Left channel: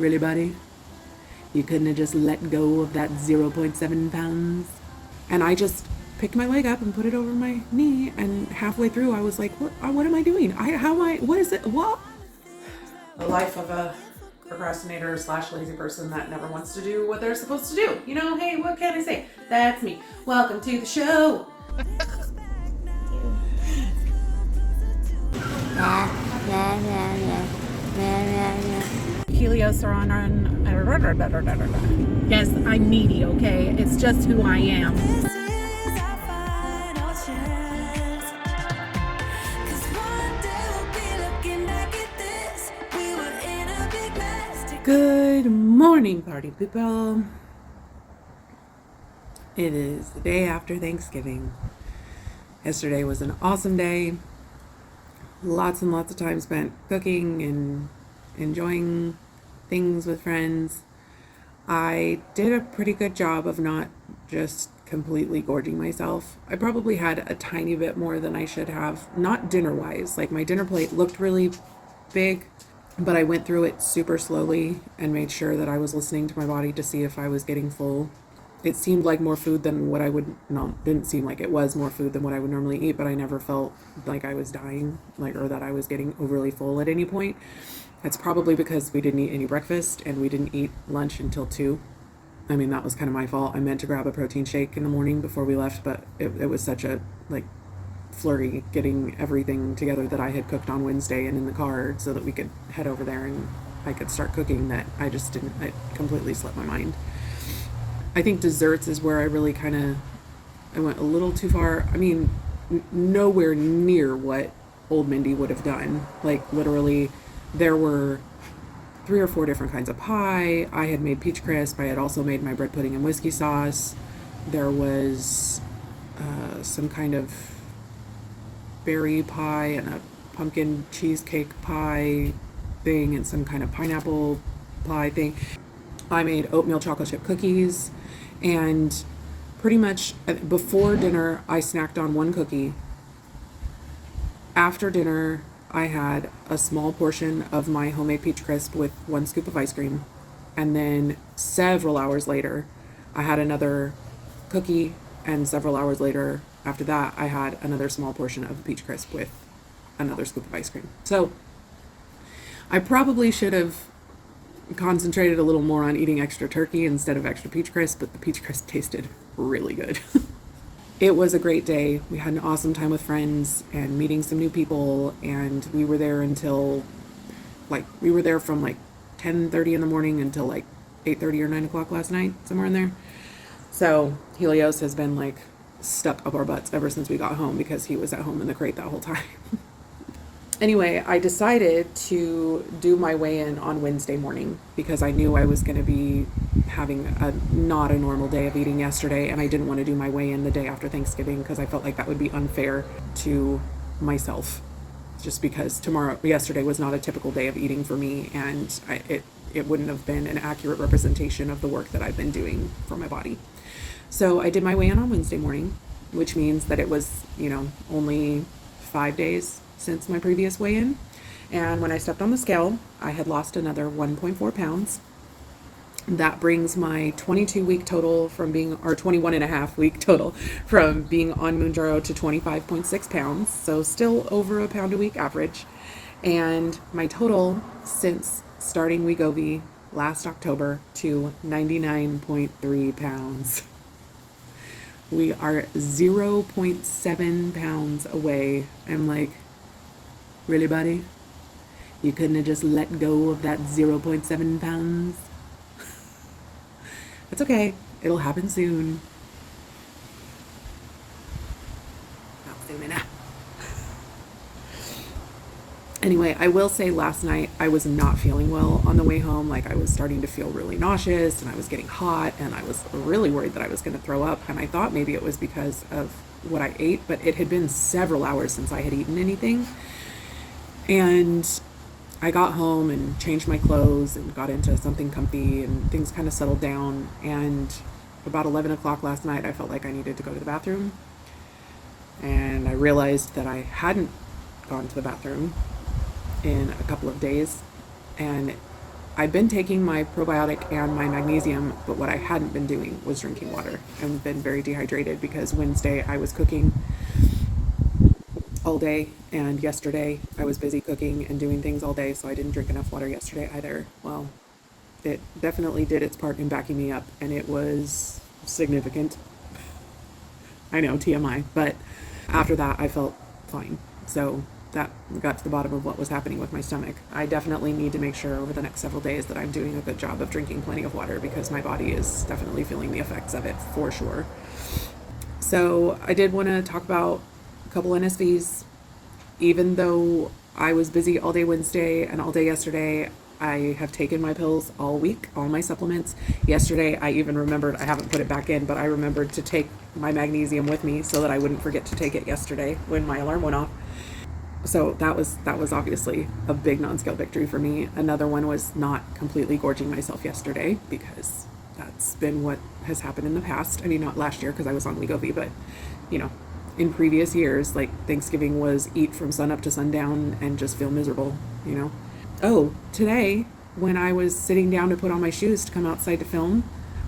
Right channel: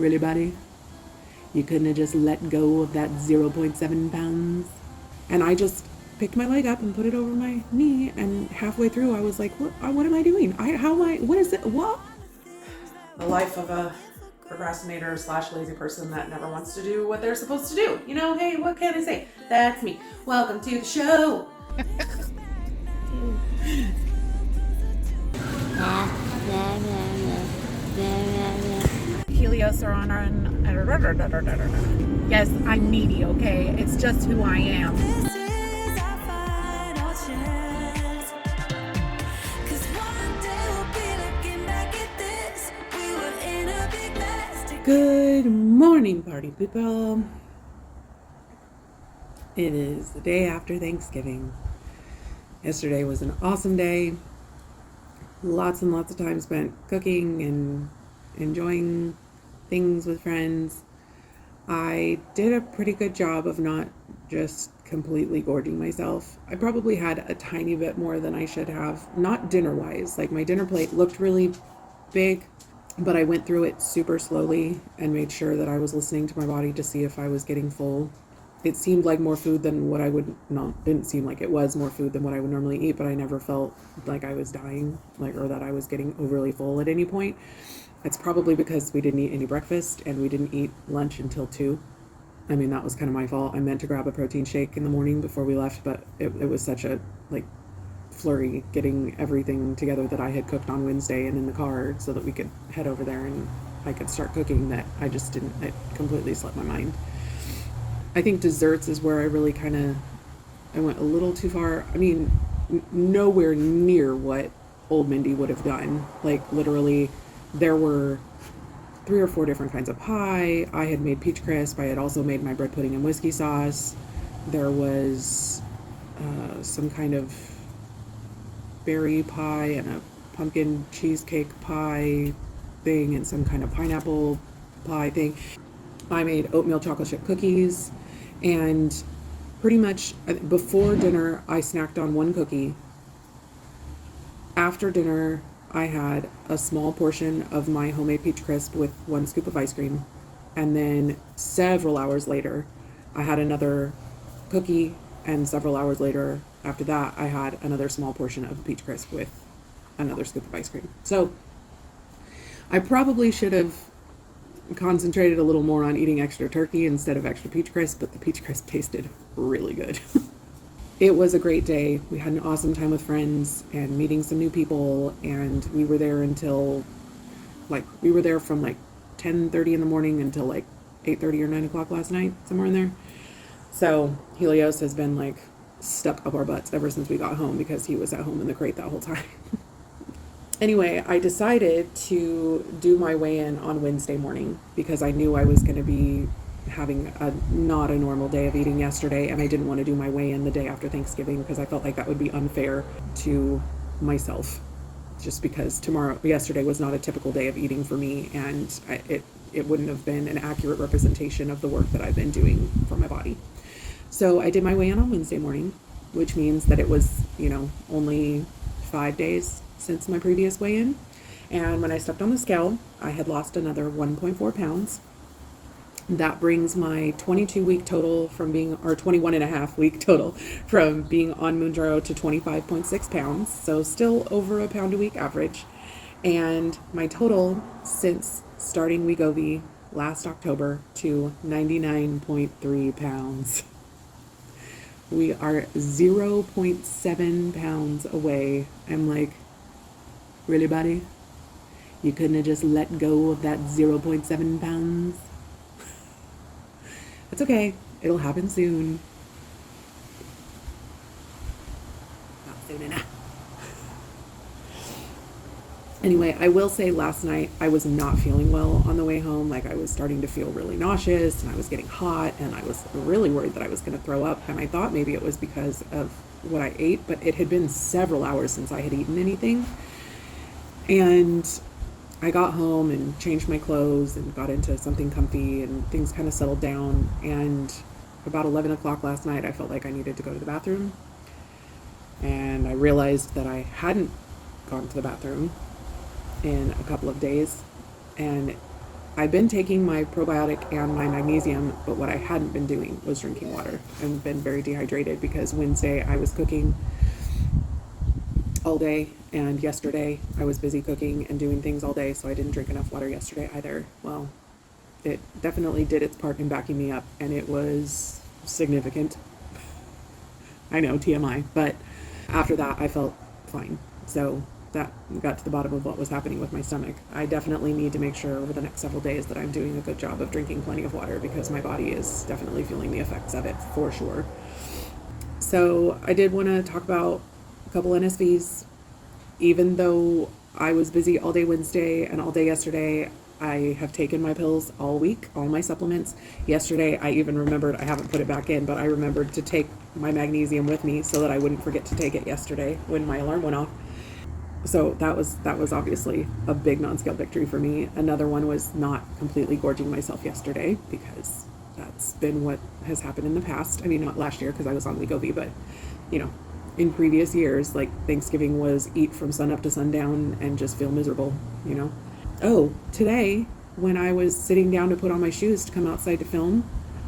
Really, buddy? You couldn't have just let go of that 0.7 pounds? And I just picked my leg up and put it over my knee, and halfway through I was like, what am I doing? What is it? What? The life of a procrastinator slash lazy person that never wants to do what they're supposed to do. You know, hey, what can I say? That's me. Welcome to the show. Helios are on. Yes, I'm needy, okay? It's just who I am. This is our final chance. 'Cause one day we'll be looking back at this. We were in a big mess. Good morning, party people. It is the day after Thanksgiving. Yesterday was an awesome day. Lots and lots of time spent cooking and enjoying things with friends. I did a pretty good job of not just completely gorging myself. I probably had a tiny bit more than I should have, not dinner-wise. Like, my dinner plate looked really big, but I went through it super slowly and made sure that I was listening to my body to see if I was getting full. It seemed like more food than what I would, no, didn't seem like it was more food than what I would normally eat, but I never felt like I was dying, or that I was getting overly full at any point. That's probably because we didn't eat any breakfast and we didn't eat lunch until 2. I mean, that was kind of my fault. I meant to grab a protein shake in the morning before we left, but it was such a, flurry getting everything together that I had cooked on Wednesday and in the car so that we could head over there and I could start cooking that it completely slipped my mind. I think desserts is where I really I went a little too far. I mean, nowhere near what old Mindy would have done. Like, literally, there were 3 or 4 different kinds of pie. I had made peach crisp. I had also made my bread pudding and whiskey sauce. There was some kind of berry pie and a pumpkin cheesecake pie thing and some kind of pineapple pie thing. I made oatmeal chocolate chip cookies, and pretty much before dinner, I snacked on 1 cookie. After dinner, I had a small portion of my homemade peach crisp with 1 scoop of ice cream. And then several hours later, I had another cookie, and several hours later, after that, I had another small portion of the peach crisp with another scoop of ice cream. So I probably should have concentrated a little more on eating extra turkey instead of extra peach crisp, but the peach crisp tasted really good. It was a great day. We had an awesome time with friends and meeting some new people, and we were there until from 10:30 in the morning until 8:30 or 9 o'clock last night, somewhere in there. So Helios has been stuck up our butts ever since we got home because he was at home in the crate that whole time. Anyway, I decided to do my weigh-in on Wednesday morning because I knew I was going to be having not a normal day of eating yesterday, and I didn't want to do my weigh-in the day after Thanksgiving because I felt like that would be unfair to myself, just because yesterday was not a typical day of eating for me, and it wouldn't have been an accurate representation of the work that I've been doing for my body. So I did my weigh-in on Wednesday morning, which means that it was, only 5 days since my previous weigh-in. And when I stepped on the scale, I had lost another 1.4 pounds. That brings my 22-week total from being, or 21 and a half week total from being on Mounjaro to 25.6 pounds. So still over a pound a week average. And my total since starting Wegovy last October to 99.3 pounds. We are 0.7 pounds away. I'm really, buddy? You couldn't have just let go of that 0.7 pounds? It's okay. It'll happen soon. Not soon enough. Anyway, I will say last night I was not feeling well on the way home. I was starting to feel really nauseous, and I was getting hot, and I was really worried that I was going to throw up. And I thought maybe it was because of what I ate, but it had been several hours since I had eaten anything. And I got home and changed my clothes and got into something comfy, and things kind of settled down. And about 11 o'clock last night, I felt like I needed to go to the bathroom. And I realized that I hadn't gone to the bathroom in a couple of days. And I've been taking my probiotic and my magnesium, but what I hadn't been doing was drinking water. I've been very dehydrated because Wednesday I was cooking all day, and yesterday I was busy cooking and doing things all day, so I didn't drink enough water yesterday either. Well, it definitely did its part in backing me up, and it was significant. I know, TMI, but after that I felt fine. So that got to the bottom of what was happening with my stomach. I definitely need to make sure over the next several days that I'm doing a good job of drinking plenty of water, because my body is definitely feeling the effects of it for sure. So I did want to talk about a couple NSVs. Even though I was busy all day Wednesday and all day yesterday, I have taken my pills all week, all my supplements. Yesterday, I even remembered, I haven't put it back in, but I remembered to take my magnesium with me so that I wouldn't forget to take it yesterday when my alarm went off. So that was obviously a big non-scale victory for me. Another one was not completely gorging myself yesterday, because that's been what has happened in the past. I mean, not last year because I was on Wegovy, but in previous years, like Thanksgiving was eat from sun up to sundown and just feel miserable. Oh, today when I was sitting down to put on my shoes to come outside to film,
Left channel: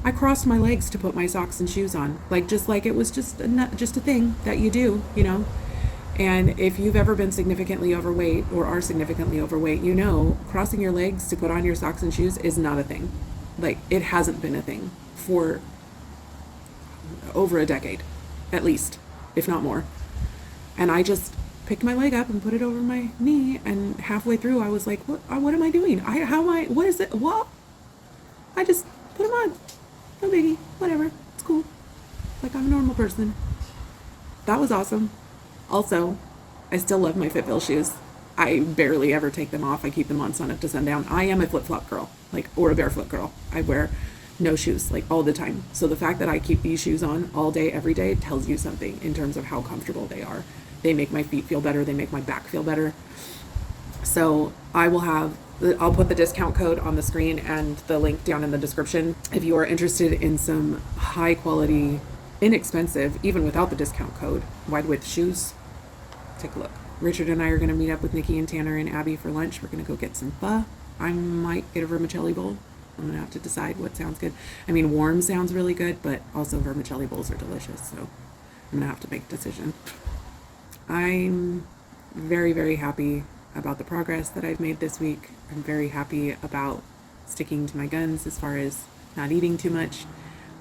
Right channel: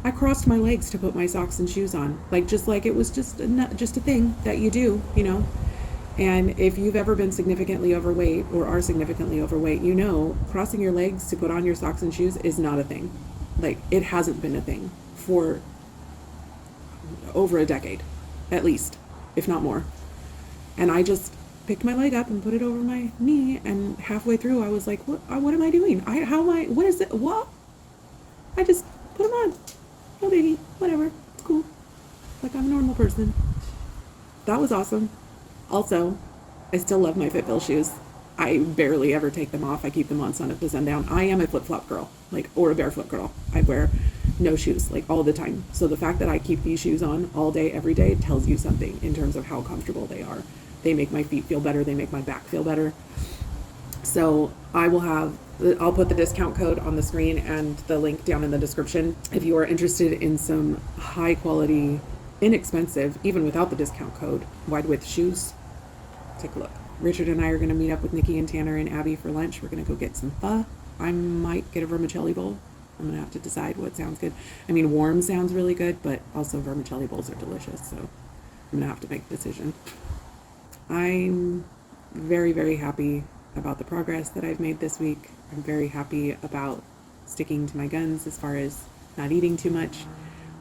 I crossed my legs to put my socks and shoes on, just like it was just a thing that you do. And if you've ever been significantly overweight or are significantly overweight, crossing your legs to put on your socks and shoes is not a thing. It hasn't been a thing for over a decade, at least, if not more. And I just picked my leg up and put it over my knee, and halfway through I was like, what am I doing? What is it? What? I just put them on. Oh, maybe, whatever, it's cool. Like I'm a normal person. That was awesome. Also, I still love my Fitbel shoes. I barely ever take them off. I keep them on sun up to sundown. I am a flip-flop girl, or a barefoot girl. I wear no shoes, all the time. So the fact that I keep these shoes on all day, every day, tells you something in terms of how comfortable they are. They make my feet feel better. They make my back feel better. So I'll put the discount code on the screen and the link down in the description. If you are interested in some high quality, inexpensive, even without the discount code, wide width shoes, take a look. Richard and I are going to meet up with Nikki and Tanner and Abby for lunch. We're going to go get some pho. I might get a vermicelli bowl. I'm going to have to decide what sounds good. I mean, warm sounds really good, but also vermicelli bowls are delicious. So I'm going to have to make a decision. I'm very, very happy about the progress that I've made this week. I'm very happy about sticking to my guns as far as not eating too much.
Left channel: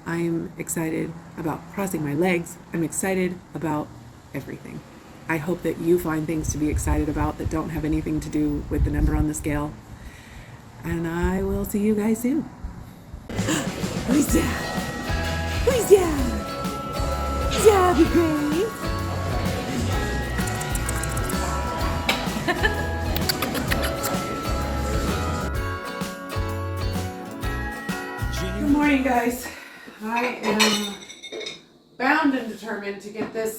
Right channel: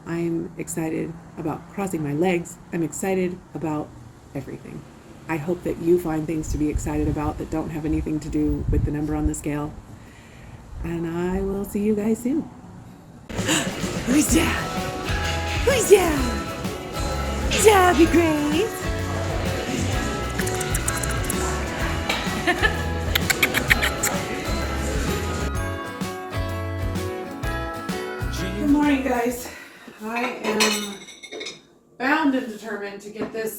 I'm excited about crossing my legs. I'm excited about everything. I hope that you find things to be excited about that don't have anything to do with the number on the scale. And I will see you guys soon. Who's down? Who's down? Chopped Pistachios. Good morning, guys. I am bound and determined to get this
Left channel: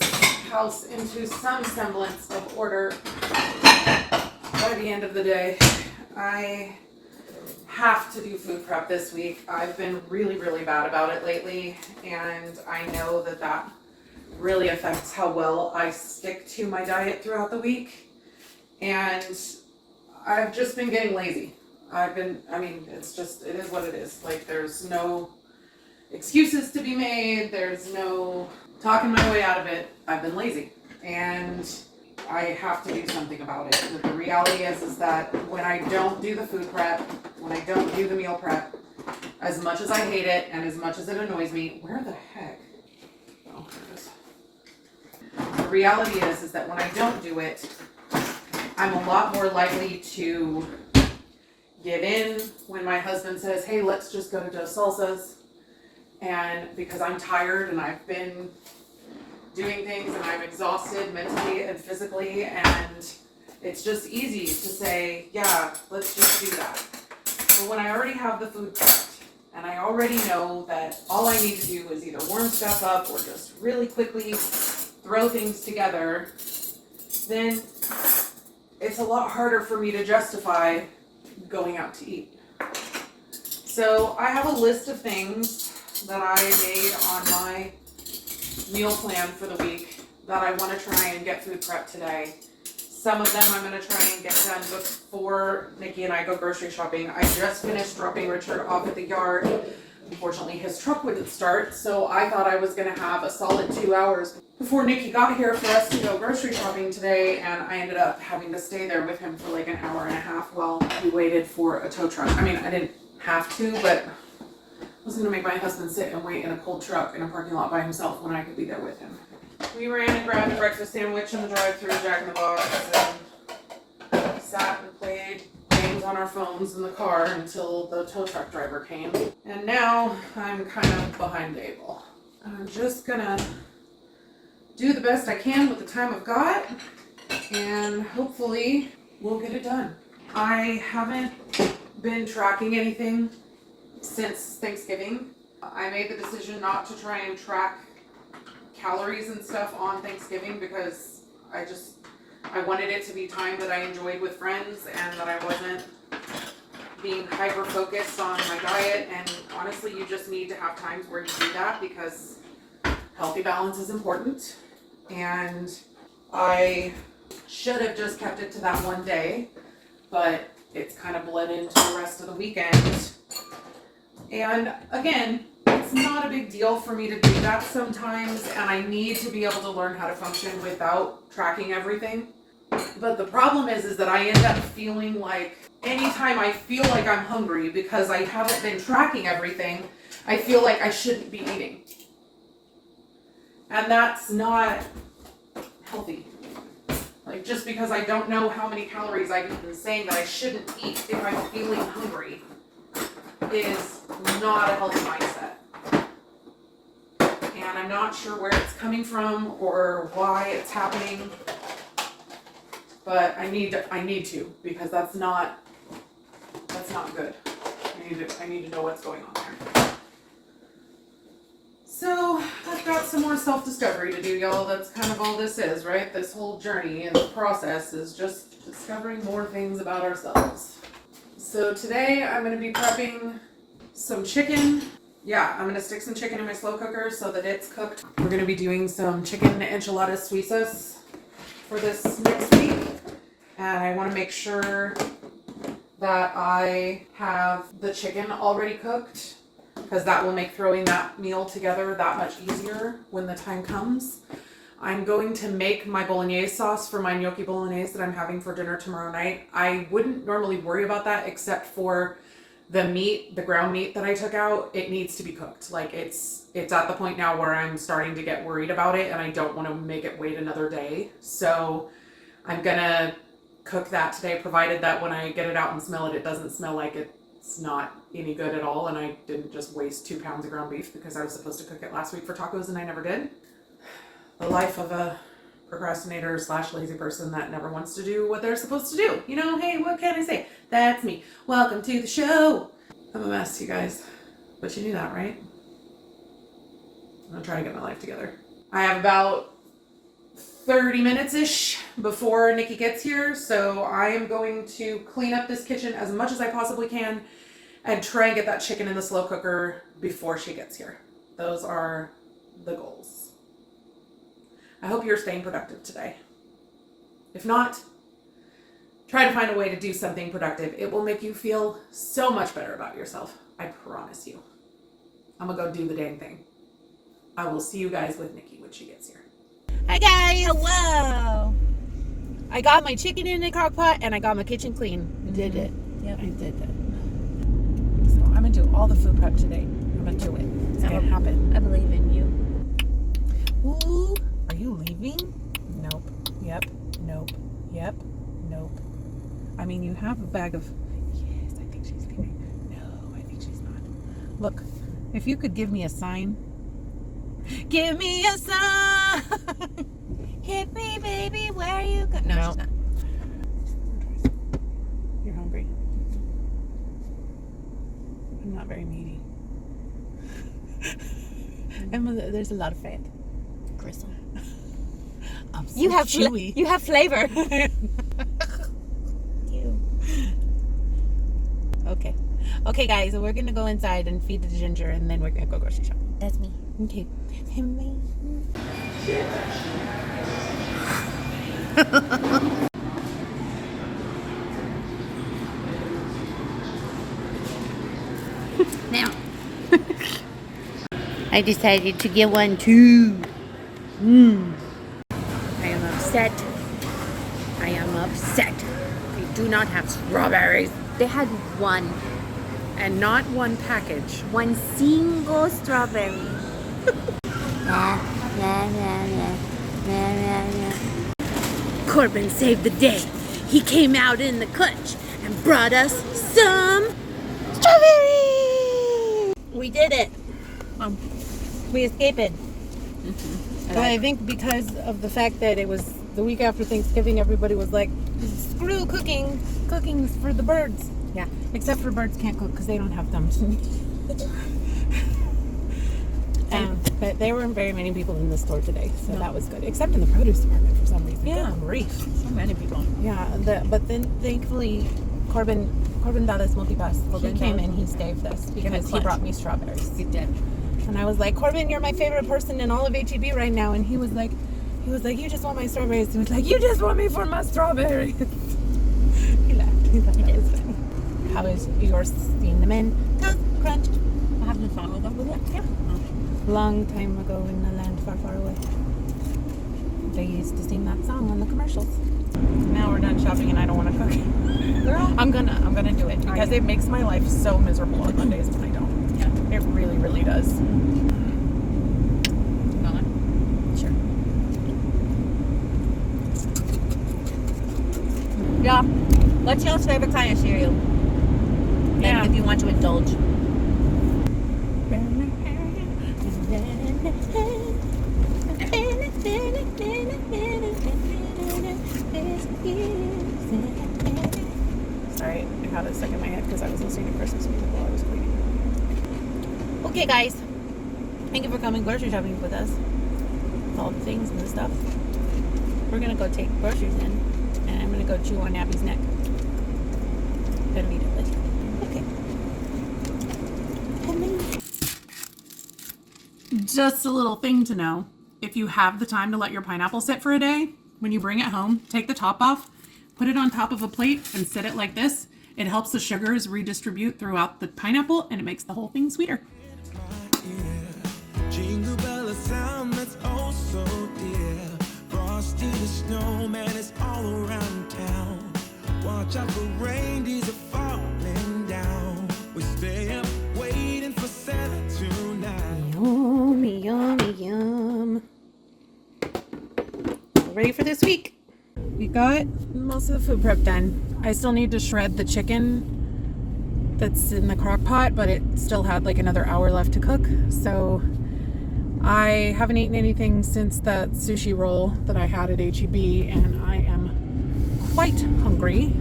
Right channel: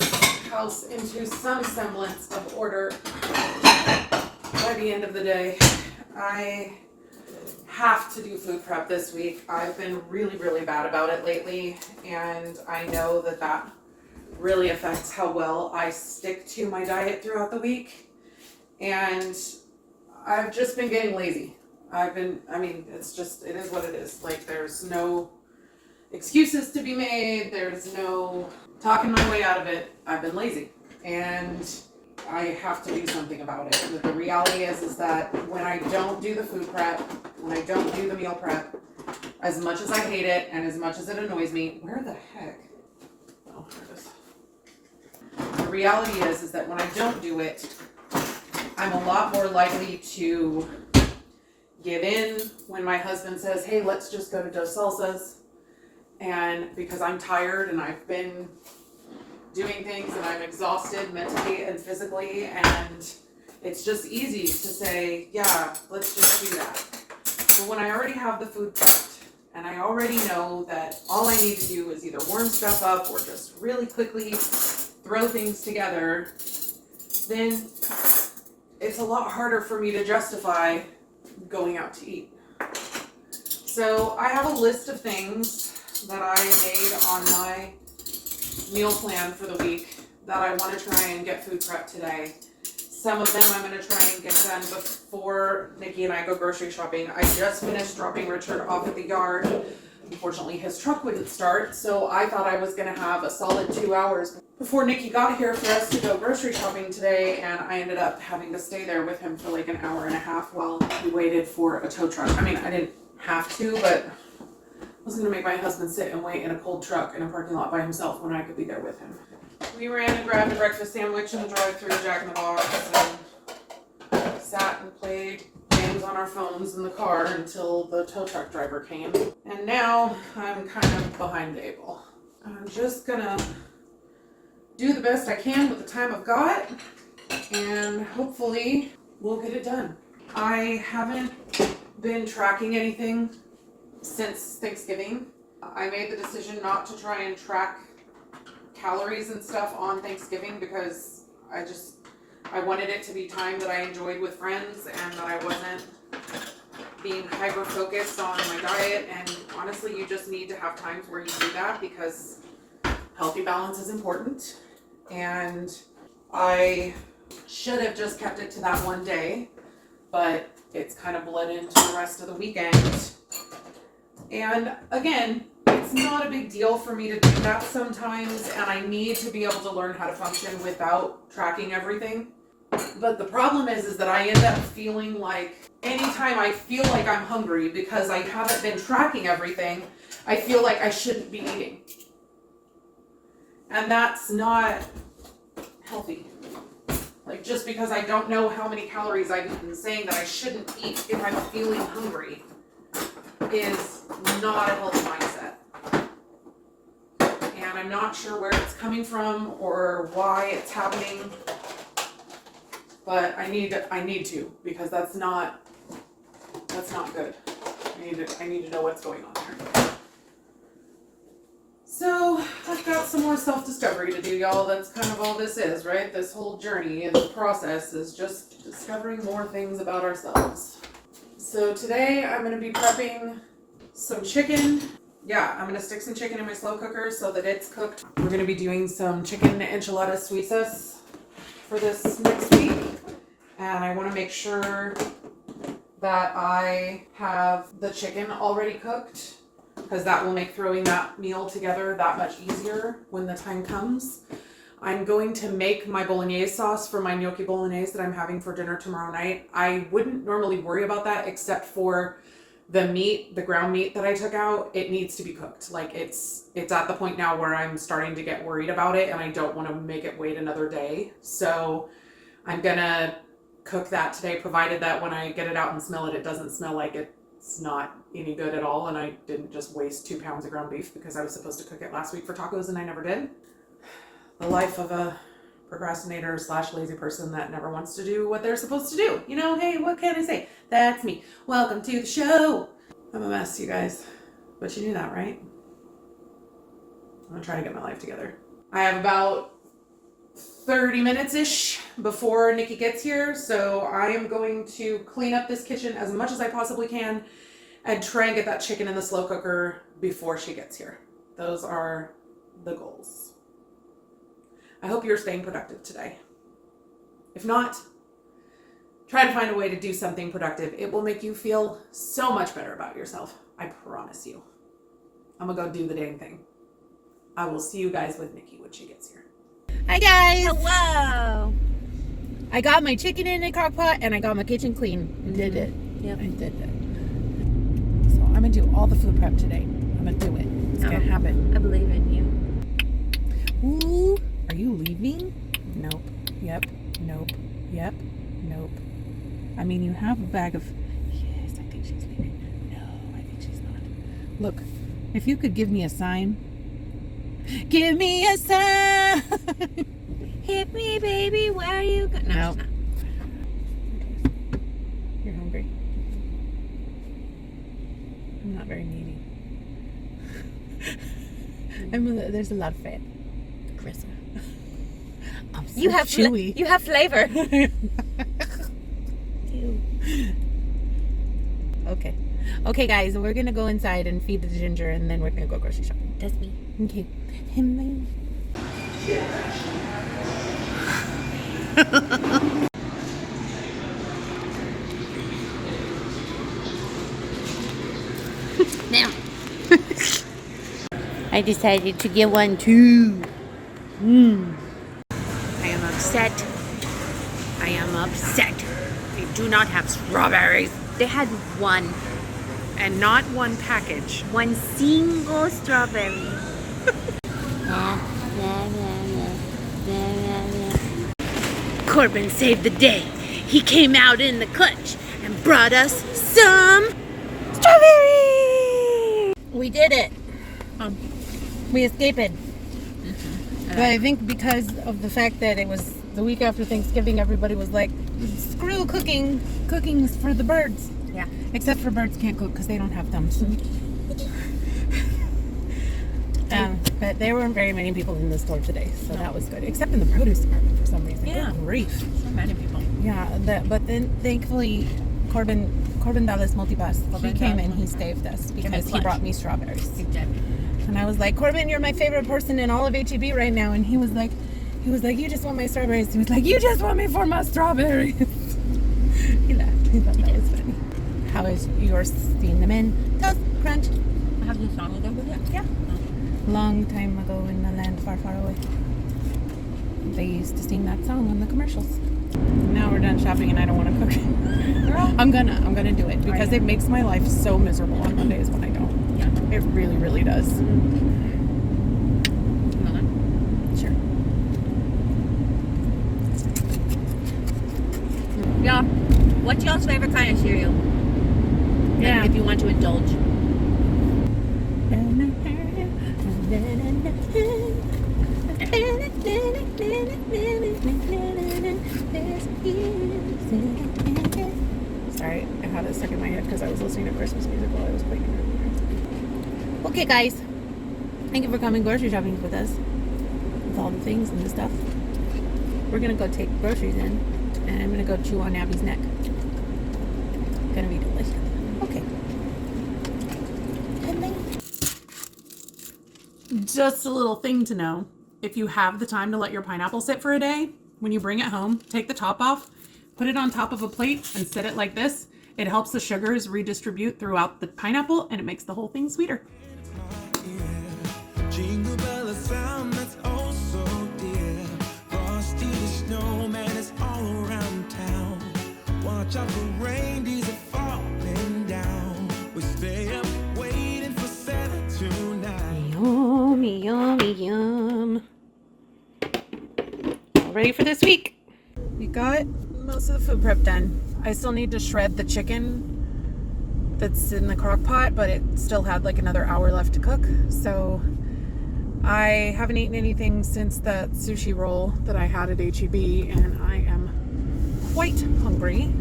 house into some semblance of order by the end of the day. I have to do food prep this week. I've been really, really bad about it lately, and I know that really affects how well I stick to my diet throughout the week. And I've just been getting lazy. It is what it is. There's no excuses to be made. There's no talking my way out of it. I've been lazy, and I have to do something about it. The reality is that when I don't do the food prep, when I don't do the meal prep, as much as I hate it and as much as it annoys me, where the heck? Oh, there it is. The reality is that when I don't do it, I'm a lot more likely to give in when my husband says, hey, let's just go to Dos Salsas. And because I'm tired and I've been doing things and I'm exhausted mentally and physically, and it's just easy to say, yeah, let's just do that. So when I already have the food prepped and I already know that all I need to do is either warm stuff up or just really quickly throw things together, then it's a lot harder for me to justify going out to eat. So I have a list of things that I made on my meal plan for the week that I want to try and get food prep today. Some of them I'm going to try and get done before Nikki and I go grocery shopping. I just finished dropping Richard off at the yard. Unfortunately, his truck wouldn't start, so I thought I was going to have a solid 2 hours before Nikki got here for us to go grocery shopping today, and I ended up having to stay there with him for like an hour and a half while we waited for a tow truck. I mean, I didn't have to, but I was going to make my husband sit and wait in a cold truck in a parking lot by himself when I could be there with him. We ran and grabbed a breakfast sandwich in the drive-thru Jack in the Box and sat and played games on our phones in the car until the tow truck driver came. And now I'm kind of behind the eight ball. I'm just gonna do the best I can with the time I've got, and hopefully we'll get it done. I haven't been tracking anything since Thanksgiving. I made the decision not to try and track calories and stuff on Thanksgiving because I wanted it to be time that I enjoyed with friends and that I wasn't being hyper focused on my diet. And honestly, you just need to have times where you do that because healthy balance is important. And I should have just kept it to that one day, but it's kind of bled into the rest of the weekend. And again, it's not a big deal for me to do that sometimes, and I need to be able to learn how to function without tracking everything. But the problem is that I end up feeling like anytime I feel like I'm hungry because I haven't been tracking everything, I feel like I shouldn't be eating. And that's not healthy. Like, just because I don't know how many calories I've eaten, saying that I shouldn't eat if I'm feeling hungry is not a healthy mindset. And I'm not sure where it's coming from or why it's happening, but I need to because that's not good. I need to know what's going on there. So I've got some more self-discovery to do, y'all. That's kind of all this is, right? This whole journey and the process is just discovering more things about ourselves. So today I'm going to be prepping some chicken. Yeah, I'm going to stick some chicken in my slow cooker so that it's cooked. We're going to be doing some chicken enchiladas suizas for this next week. And I want to make sure that I have the chicken already cooked, because that will make throwing that meal together that much easier when the time comes. I'm going to make my bolognese sauce for my gnocchi bolognese that I'm having for dinner tomorrow night. I wouldn't normally worry about that except for the meat, the ground meat that I took out. It needs to be cooked. Like it's at the point now where I'm starting to get worried about it and I don't want to make it wait another day. So I'm gonna cook that today, provided that when I get it out and smell it, it doesn't smell like it's not any good at all, and I didn't just waste 2 pounds of ground beef because I was supposed to cook it last week for tacos and I never did. The life of a procrastinator / lazy person that never wants to do what they're supposed to do. You know, hey, what can I say? That's me. Welcome to the show. I'm a mess, you guys. But you knew that, right? I'm gonna try to get my life together. I have about 30 minutes-ish before Nikki gets here, so I am going to clean up this kitchen as much as I possibly can and try and get that chicken in the slow cooker before she gets here. Those are the goals. I hope you're staying productive today. If not, try to find a way to do something productive. It will make you feel so much better about yourself. I promise you. I'm gonna go do the dang thing. I will see you guys with Nikki when she gets here. Hi guys! Hello! I got my chicken in the crock pot and I got my kitchen clean. You did it. Yep, I did it. So I'm gonna do all the food prep today. I'm gonna do it. It's gonna happen. I believe in you. Ooh, are you leaving? Nope. Yep. Nope. Yep. Nope. I mean, you have a bag of... Yes, I think she's leaving. No, I think she's not. Look, if you could give me a sign. Give me a sign! Hit me, baby, where are you going? No, she's not. You're hungry. I'm not very needy. There's a lot of fat. Gristle. I'm so You have chewy. you have flavor. You. Okay. Okay, guys, we're gonna go inside and feed the ginger, and then we're gonna go grocery shopping. That's me. Okay. Now, I decided to get one too. I am upset. I am upset. They do not have strawberries. They had one. And not one package. One single strawberry. Corbin saved the day. He came out in the clutch and brought us some strawberries. We did it. We escaped it. But I think because of the fact that it was the week after Thanksgiving, everybody was like, screw cooking. Cooking's for the birds. Yeah. Except for birds can't cook because they don't have thumbs. But there weren't very many people in the store today, so that was good. Except in the produce department for some reason. Yeah. Good grief. So many people. Yeah, but then thankfully Corbin Dallas Multibus, he came and he saved us because he brought me strawberries. He did. And I was like, Corbin, you're my favorite person in all of HEB right now. And he was like, you just want my strawberries. He was like, you just want me for my strawberries. He laughed. He thought that was funny. How is your cinnamon toast crunch? I have this song with that. Yeah. Long time ago in a land far, far away. They used to sing that song on the commercials. Now we're done shopping and I don't want to cook. I'm gonna do it because it makes my life so miserable on Mondays when I don't. Yeah, it really, really does. Sure. Yeah. What's y'all's favorite kind of cereal? Yeah. Like if you want to indulge. Sorry, I had it stuck in my head because I was listening to Christmas music while I was cleaning. Okay, guys. Thank you for coming grocery shopping with us. With all the things and the stuff. We're gonna go take groceries in, and I'm gonna go chew on Abby's neck. Gonna be delicious. Okay. And then just a little thing to know. If you have the time to let your pineapple sit for a day, when you bring it home, take the top off, put it on top of a plate and sit it like this. It helps the sugars redistribute throughout the pineapple and it makes the whole thing sweeter. Jingle bell, a sound that's oh so dear. Frosty the snowman is all around town. Watch out for reindeers are falling down. We stay up waiting for Santa tonight. Yum, yum, yum. Ready for this week? We got most of the food prep done. I still need to shred the chicken that's in the crock pot, but it still had like another hour left to cook. So I haven't eaten anything since that sushi roll that I had at HEB, and I am quite hungry.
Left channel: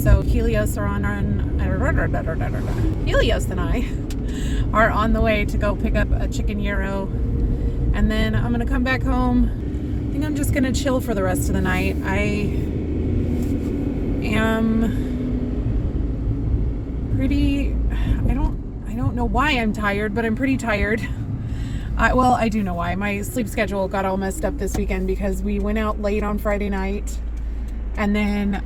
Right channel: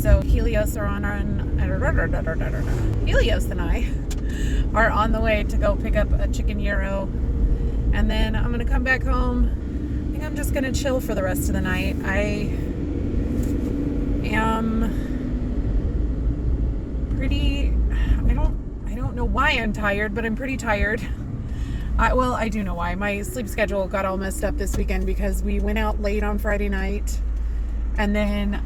So Helios and I are on the way to go pick up a chicken gyro, and then I'm gonna come back home. I think I'm just gonna chill for the rest of the night. I don't know why I'm tired, but I'm pretty tired. I do know why. My sleep schedule got all messed up this weekend because we went out late on Friday night, and then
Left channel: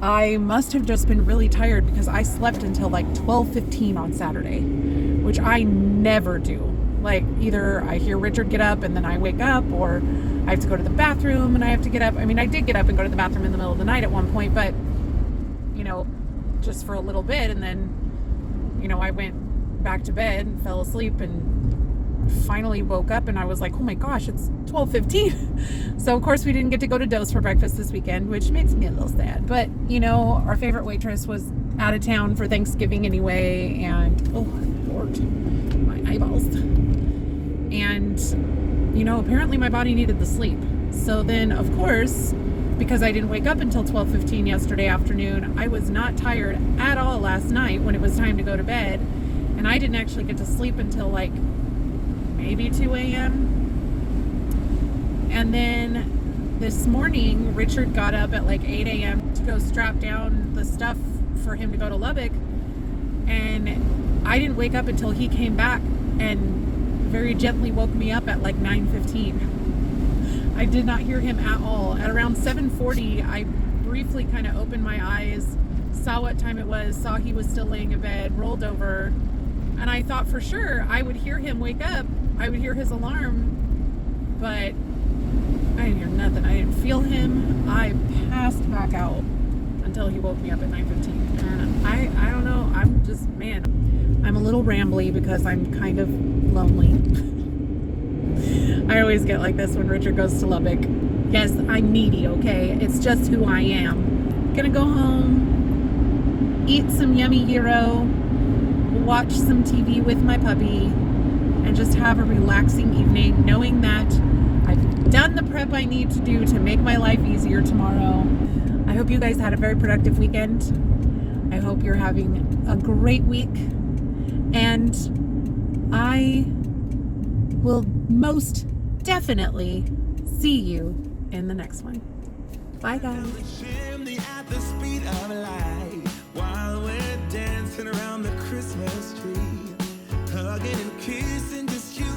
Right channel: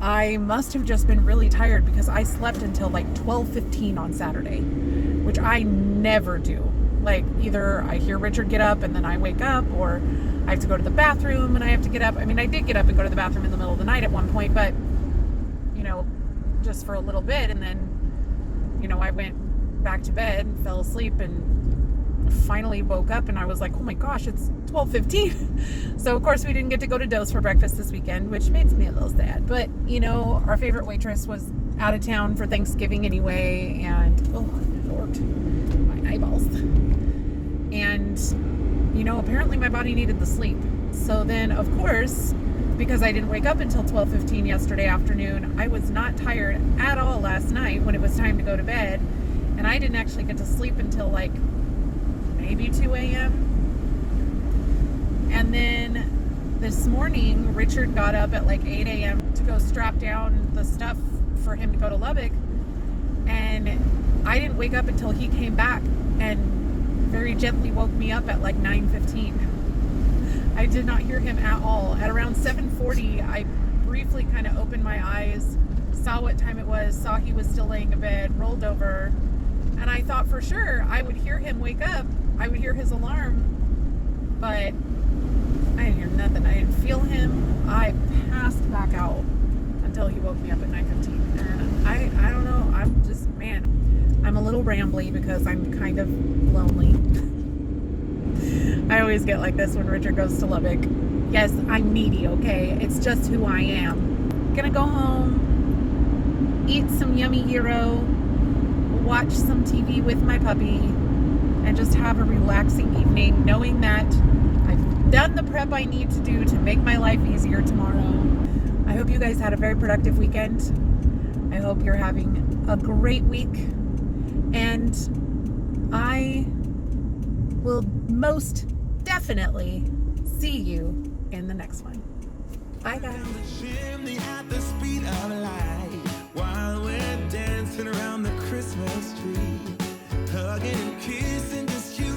I must have just been really tired because I slept until like 12:15 on Saturday, which I never do. Like, either I hear Richard get up and then I wake up, or I have to go to the bathroom and I have to get up. I mean, I did get up and go to the bathroom in the middle of the night at one point, but, you know, just for a little bit. And then, you know, I went back to bed, fell asleep, and finally woke up and I was like, oh my gosh, it's 12:15. So of course we didn't get to go to Dose for breakfast this weekend, which makes me a little sad. But, you know, our favorite waitress was out of town for Thanksgiving anyway, and oh Lord, my eyeballs. And, you know, apparently my body needed the sleep. So then, of course, because I didn't wake up until 12:15 yesterday afternoon, I was not tired at all last night when it was time to go to bed. And I didn't actually get to sleep until like maybe 2 a.m. And then this morning, Richard got up at like 8 a.m. to go strap down the stuff for him to go to Lubbock. And I didn't wake up until he came back and very gently woke me up at like 9:15. I did not hear him at all. At around 7:40, I briefly kind of opened my eyes, saw what time it was, saw he was still laying in bed, rolled over, And I thought for sure I would hear him wake up. I would hear his alarm, but I didn't hear nothing. I didn't feel him. I passed back out until he woke me up at 9:15. And I don't know. I'm just, man, I'm a little rambly because I'm kind of lonely. I always get like this when Richard goes to Lubbock. Yes, I'm needy, okay? It's just who I am. Gonna go home, eat some yummy gyro, watch some TV with my puppy, and just have a relaxing evening, knowing that I've done the prep I need to do to make my life easier tomorrow. I hope you guys had a very productive weekend. I hope you're having a great week, and I will most definitely see you in the next one. Bye, guys. Down the chimney at the speed of light while we're dancing around the Christmas tree, hugging and kissing just you